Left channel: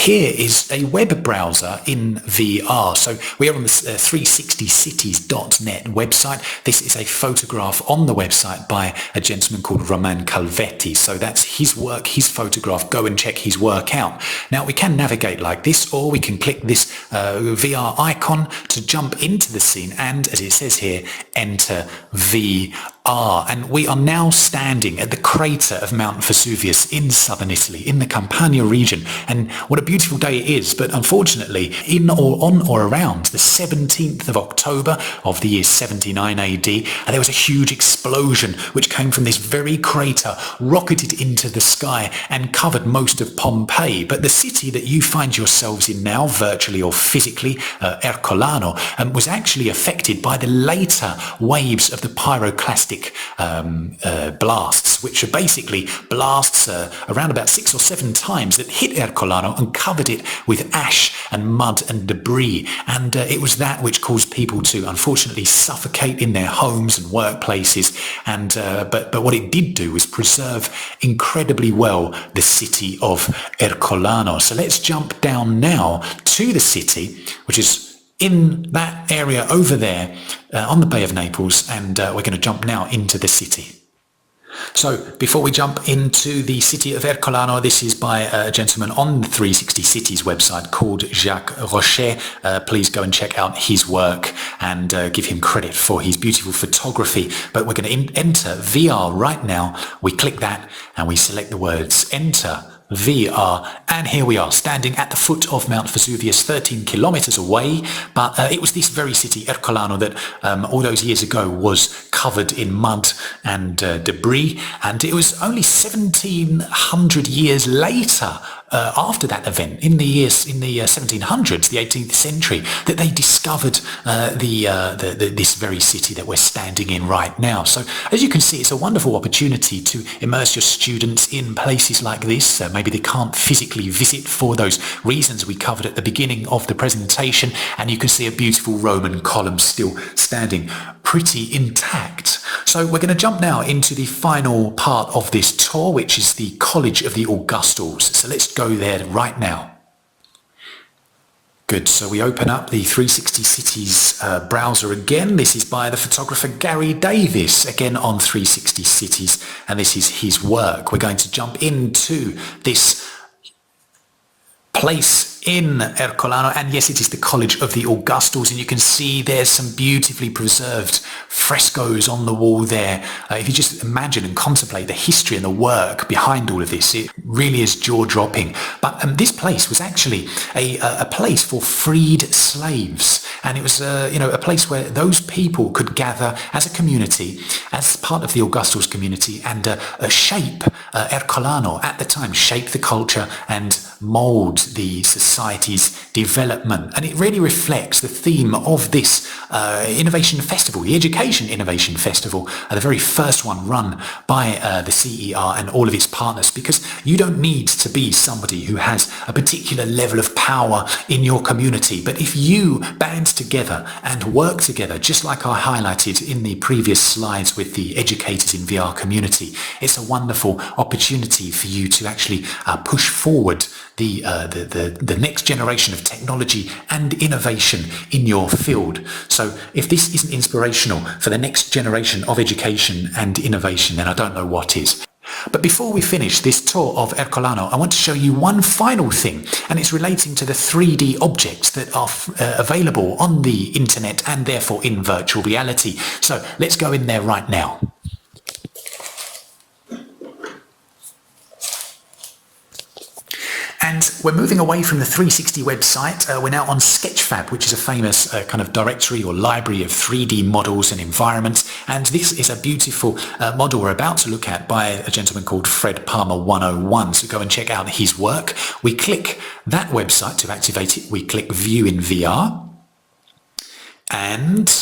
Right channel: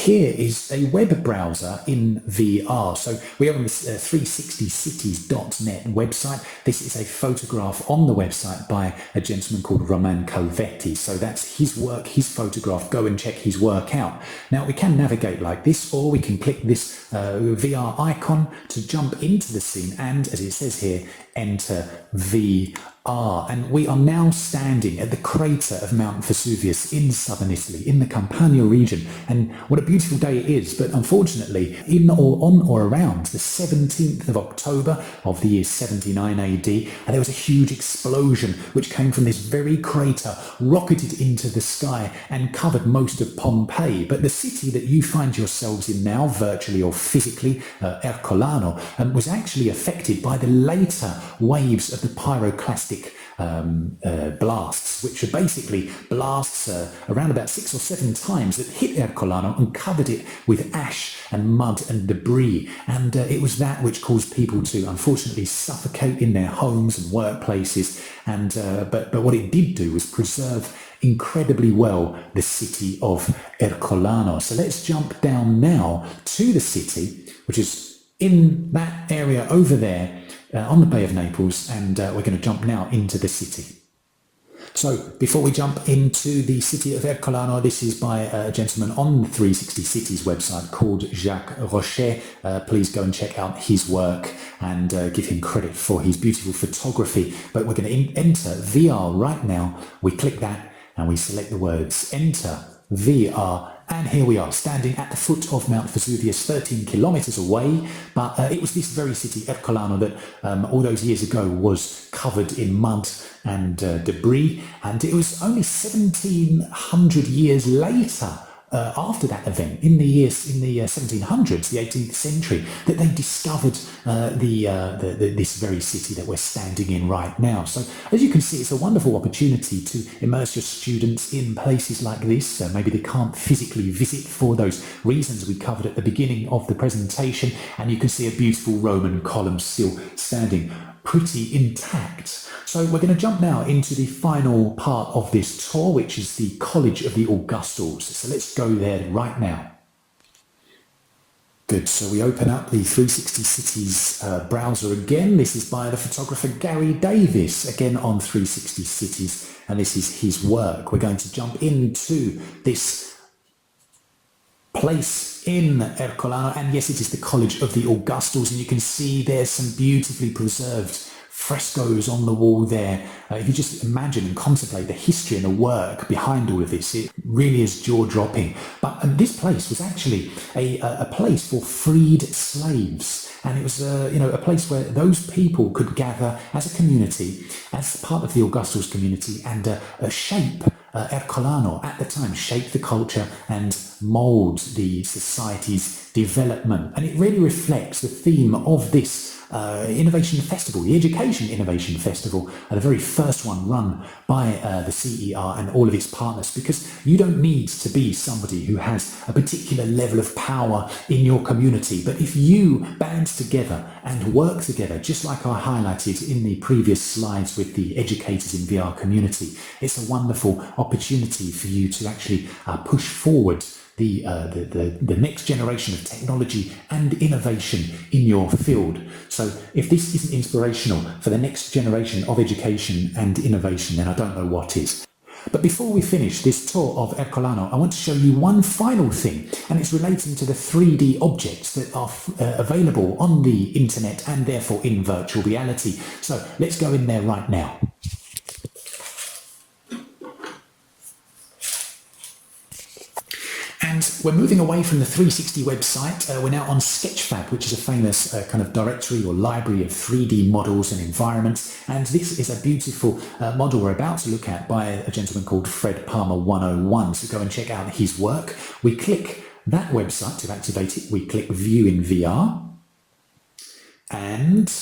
here is a web browser in VR. So we are on the 360cities.net website. This is a photograph on the website by a gentleman called Roman Calvetti. So that's his work, his photograph. Go and check his work out. Now we can navigate like this, or we can click this VR icon to jump into the scene and, as it says here, enter VR. And we are now standing at the crater of Mount Vesuvius in southern Italy, in the Campania region. And what a beautiful day it is, but unfortunately, in or on or around the 17th of October of the year 79 AD, there was a huge explosion which came from this very crater, rocketed into the sky and covered most of Pompeii. But the city that you find yourselves in now, virtually or physically, Ercolano, was actually affected by the later waves of the pyroclastic blasts, which are basically blasts around about 6 or 7 times that hit Ercolano and covered it with ash and mud and debris. And it was that which caused people to unfortunately suffocate in their homes and workplaces. And but what it did do was preserve incredibly well the city of Ercolano. So let's jump down now to the city, which is in that area over there on the Bay of Naples, and we're going to jump now into the city. So before we jump into the city of Ercolano, this is by a gentleman on the 360 Cities website called Jacques Rocher. Please go and check out his work and give him credit for his beautiful photography. But we're going to enter VR right now. We click that and we select the words enter VR, and here we are standing at the foot of Mount Vesuvius, 13 kilometers away. But it was this very city, Ercolano, that all those years ago was covered in mud and debris, and it was only 1700 years later, after that event, in the 1700s, the 18th century, that they discovered this very city that we're standing in right now. So as you can see, it's a wonderful opportunity to immerse your students in places like this. Maybe they can't physically visit for those reasons we covered at the beginning of the presentation, and you can see a beautiful Roman column still standing pretty intact. So we're going to jump now into the final part of this tour, which is the College of the Augustus. So let's go there right now. Good, so we open up the 360 Cities browser again. This is by the photographer Gary Davis, again on 360 Cities, and this is his work. We're going to jump into this place in Ercolano, and yes, it is the College of the Augustus, and you can see there's some beautifully preserved frescoes on the wall there. If you just imagine and contemplate the history and the work behind all of this, it really is jaw-dropping. But this place was actually a place for freed slaves, and it was a place where those people could gather as a community, as part of the Augustus community, and shape Ercolano at the time, shape the culture and mould the society's development. And it really reflects the theme of this Innovation Festival, the Education Innovation Festival, the very first one run by the CER and all of its partners, because you don't need to be somebody who has a particular level of power in your community, but if you band together and work together, just like I highlighted in the previous slides with the educators in VR community, it's a wonderful opportunity for you to actually push forward the next generation of technology and innovation in your field. So if this isn't inspirational for the next generation of education and innovation, then I don't know what is. But before we finish this tour of Ercolano, I want to show you one final thing, and it's relating to the 3D objects that are available on the internet and therefore in virtual reality. So let's go in there right now. And we're moving away from the 360 website. We're now on Sketchfab, which is a famous kind of directory or library of 3D models and environments. And this is a beautiful model we're about to look at by a gentleman called Fred Palmer 101. So go and check out his work. We click that website to activate it. We click View in VR. And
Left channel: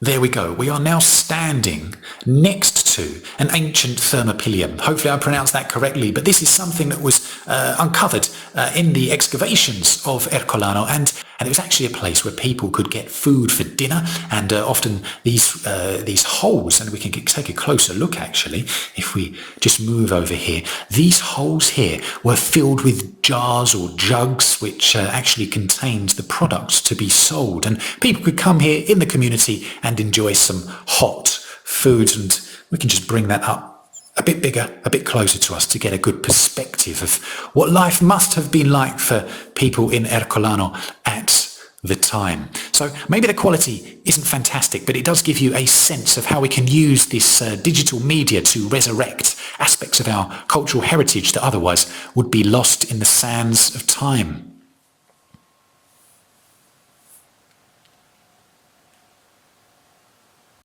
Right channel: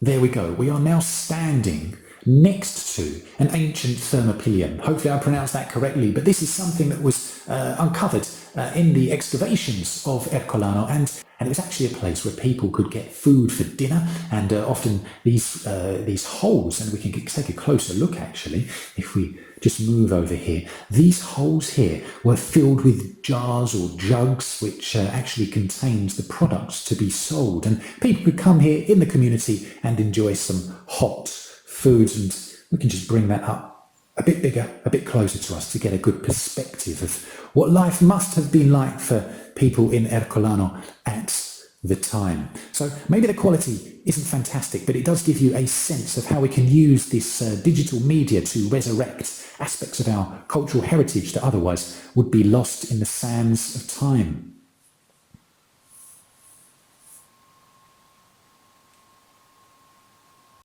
there we go. We are now standing next to, an ancient thermopylaeum. Hopefully I pronounced that correctly, but this is something that was uncovered in the excavations of Ercolano, and it was actually a place where people could get food for dinner, and often these holes, and we can take a closer look actually if we just move over here. These holes here were filled with jars or jugs which actually contained the products to be sold, and people could come here in the community and enjoy some hot food. And we can just bring that up a bit bigger, a bit closer to us to get a good perspective of what life must have been like for people in Ercolano at the time. So maybe the quality isn't fantastic, but it does give you a sense of how we can use this digital media to resurrect aspects of our cultural heritage that otherwise would be lost in the sands of time.